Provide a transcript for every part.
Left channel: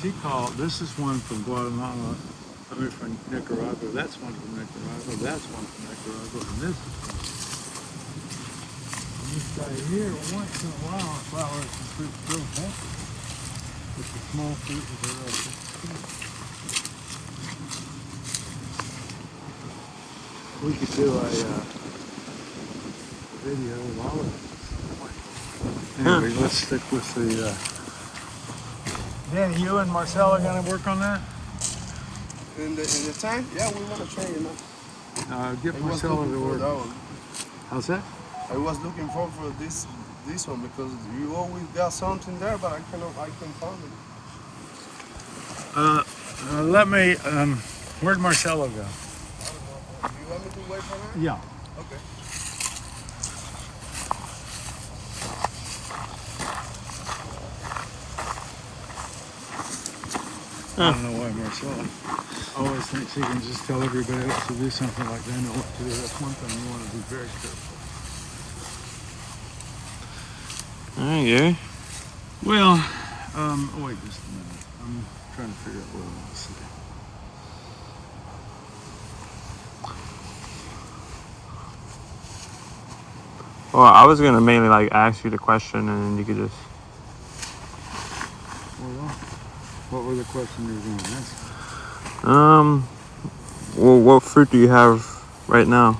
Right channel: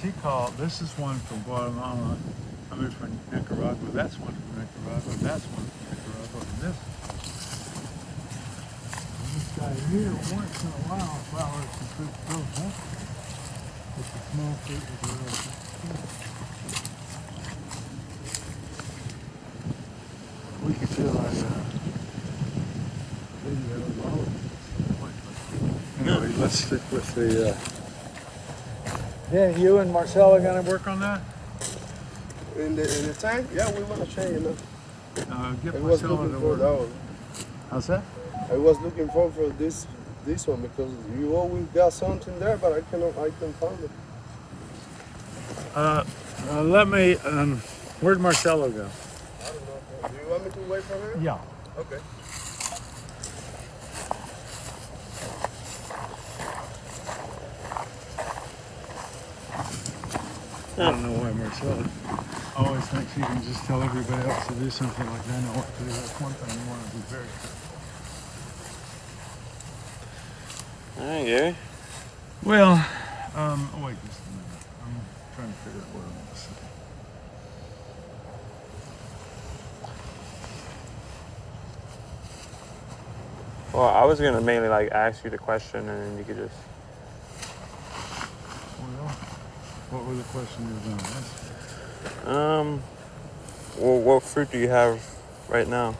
This is one from Guatemala, I mean from Nicaragua, that's one from Nicaragua, that's one from Nicaragua, and this is one. And this guy here, once in a while, flowers and fruit so healthy. It's a small fruit with a real thick skin. We could do a video of all of this. Anyway, let's stick with the... Dan, you and Marcel are going to work on that? In the tank? Yeah, we want to show you. Get Marcel to work. How's that? I was looking for this one because you always got something there, but I can find it. Let me, where'd Marcelo go? Do you want me to wait for her? Yeah. Okay. I don't know why Marcelo always thinks he can just tell everybody else to do something like they know what to do. That's one thing you want to be very careful. All right, Gary. Well, oh wait just a minute. I'm trying to figure out what I want to say. Well, I was gonna mainly like ask you the question, and then you could just. Well, what was the question you were going to ask? Well, what fruit do you have right now?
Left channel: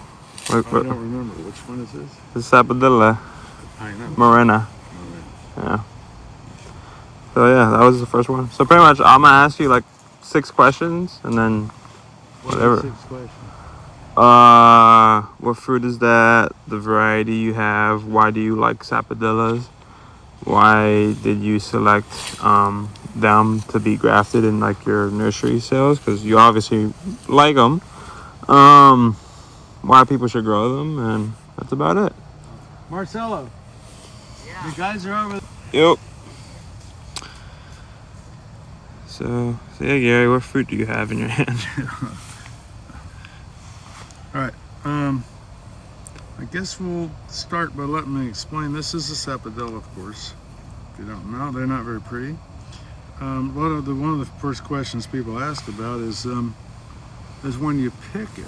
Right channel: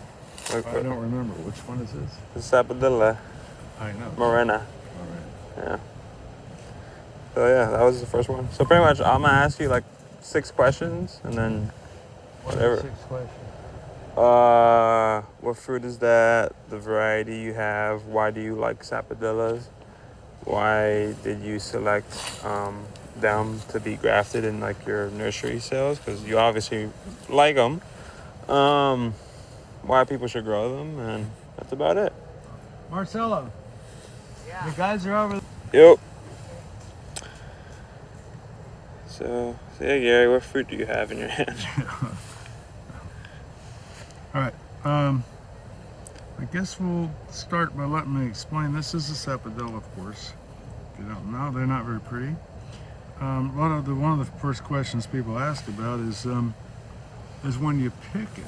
I don't remember. Which one is this? The sapodilla. I know. Morená. Yeah. So yeah, that was the first one. So pretty much, I'm gonna ask you like 6 questions, and then whatever. What are the 6 questions? What fruit is that? The variety you have? Why do you like sapodillas? Why did you select them to be grafted in like your nursery sales? Because you obviously like them. Why people should grow them, and that's about it. Marcelo. Yeah. The guys are over there. Yep. So yeah, Gary, what fruit do you have in your hand? All right. I guess we'll start by letting me explain. This is a sapodilla, of course. If you don't know, they're not very pretty. One of the first questions people ask about is when you pick it.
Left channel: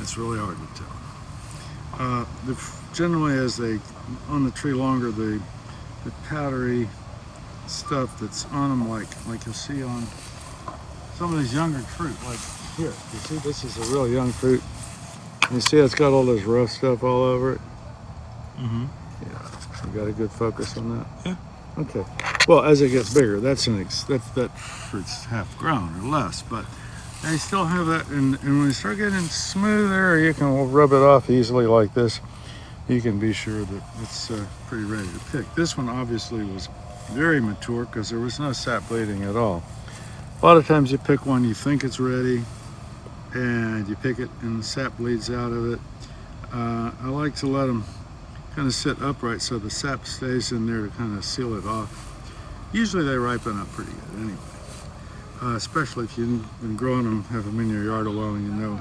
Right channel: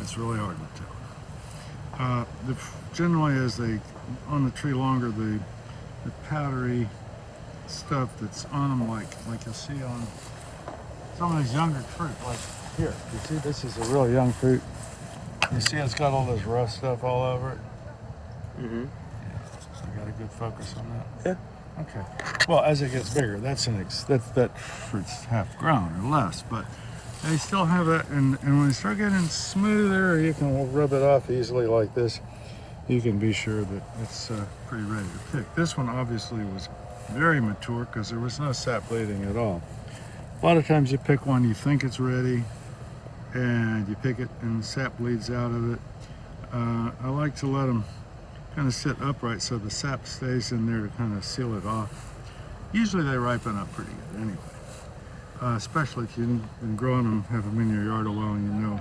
It's really hard to tell. Generally, as they on the tree longer, the powdery stuff that's on them, like you'll see on some of these younger fruit, like here. You see, this is a really young fruit. You see, it's got all this rough stuff all over it. Mm-hmm. Yeah, you got a good focus on that. Yeah. Okay. Well, as it gets bigger, that fruit's half grown or less, but they still have that. And when you start getting smoother, you can rub it off easily like this. You can be sure that it's pretty ready to pick. This one obviously was very mature because there was no sap bleeding at all. A lot of times you pick one, you think it's ready, and you pick it and the sap bleeds out of it. I like to let them kind of sit upright so the sap stays in there to kind of seal it off. Usually they ripen up pretty good anyway, especially if you've been growing them, have them in your yard a while and you know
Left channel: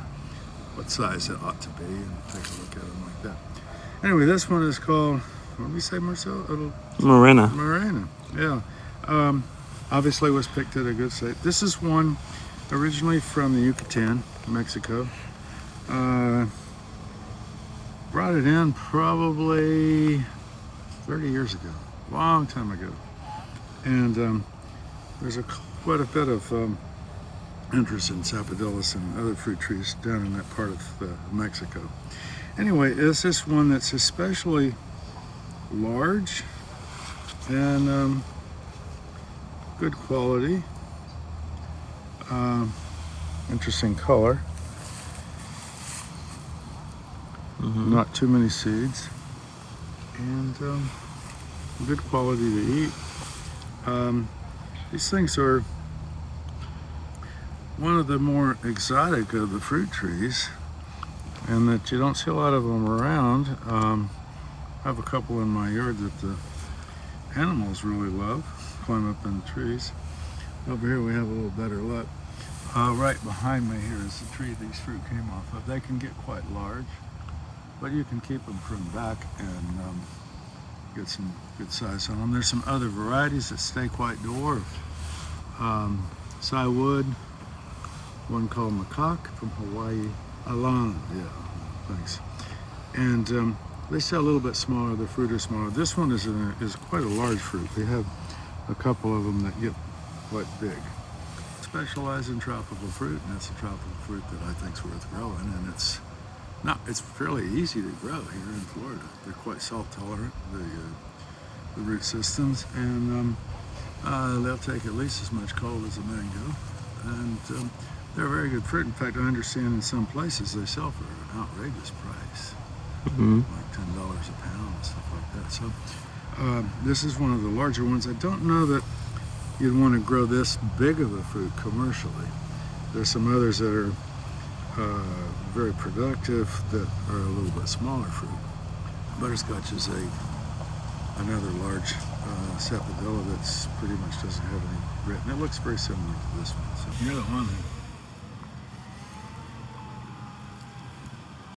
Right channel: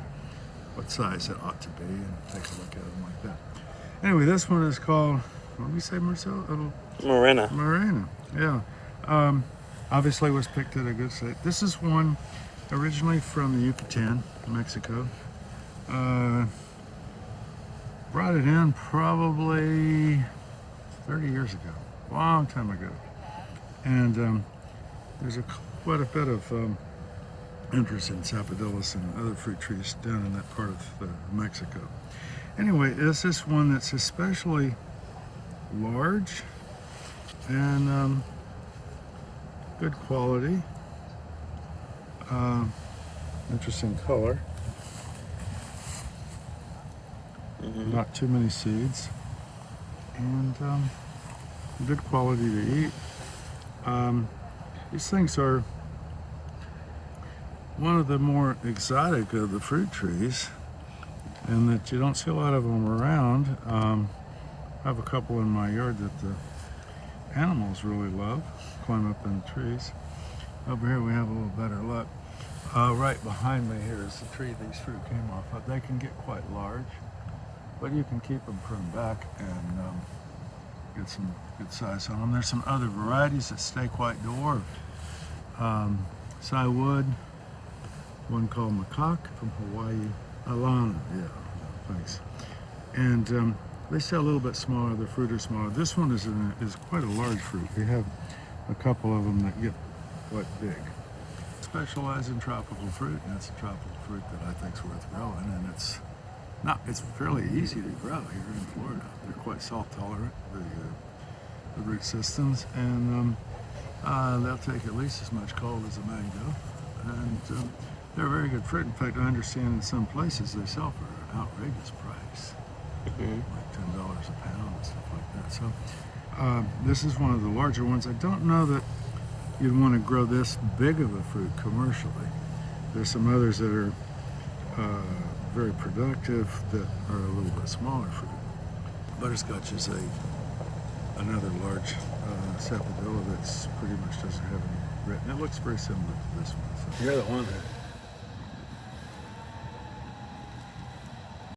what size it ought to be, and take a look at them like that. Anyway, this one is called, what did we say, Marcel? Morená. Morená, yeah. Obviously was picked at a good site. This is one originally from the Yucatán, Mexico. Brought it in probably 30 years ago, long time ago. And there's quite a bit of interest in sapodillas and other fruit trees down in that part of Mexico. Anyway, this is one that's especially large and good quality, interesting color, not too many seeds, and good quality to eat. These things are one of the more exotic of the fruit trees, and that you don't see a lot of them around. I have a couple in my yard that the animals really love, climb up in the trees. Over here we have a little better luck. Right behind me here is the tree these fruit came off of. They can get quite large, but you can keep them pruned back and get some good size on them. There's some other varieties that stay quite dwarf. Cy wood, one called macaque from Hawaii, Alana, yeah, thanks. And they sell a little bit smaller, the fruit are smaller. This one is quite a large fruit. We have a couple of them that get quite big. Specialize in tropical fruit, and that's a tropical fruit that I think is worth growing, and it's fairly easy to grow here in Florida. They're quite salt tolerant, the root systems, and they'll take at least as much cold as a mango, and they're a very good fruit. In fact, I understand in some places they sell for an outrageous price, like $10 a pound and stuff like that. So this is one of the larger ones. I don't know that you'd want to grow this big of a fruit commercially. There's some others that are very productive that are a little bit smaller fruit. Butterscotch is another large sapodilla that's pretty much doesn't have any grit, and it looks very similar to this one. So. You're the one that